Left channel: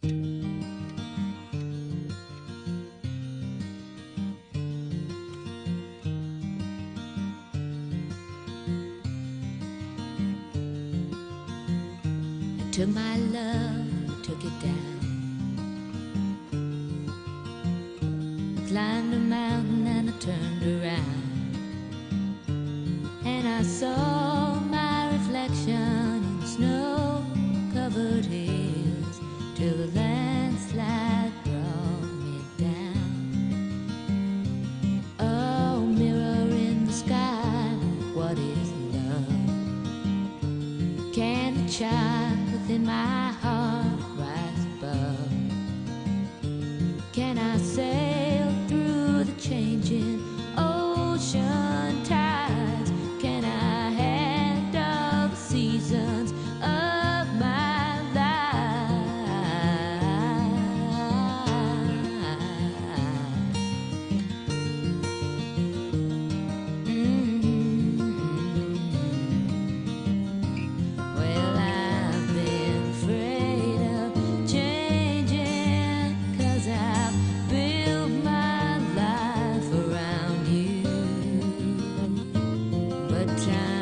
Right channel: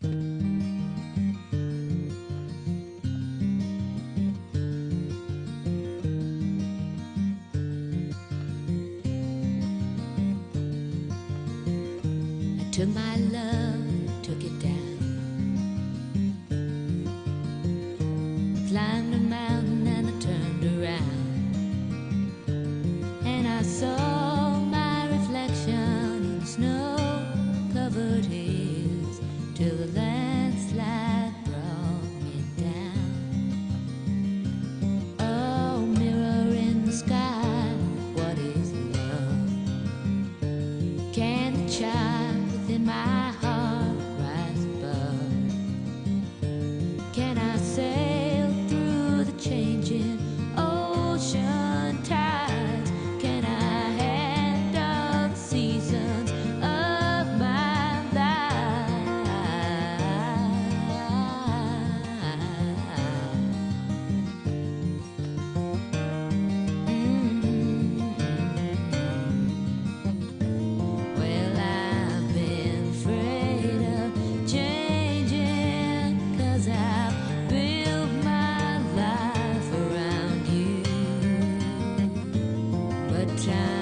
Took my love, took it down. I climbed a mountain and I turned around, and I saw my reflection in snow-covered hills till the landslide brought me down. Oh, mirror in the sky, what is love? Can the child within my heart rise above? Can I sail through the changing ocean tides? Can I handle the seasons of my life? Well, I've been afraid of changing, 'cause I've built my life around you. But time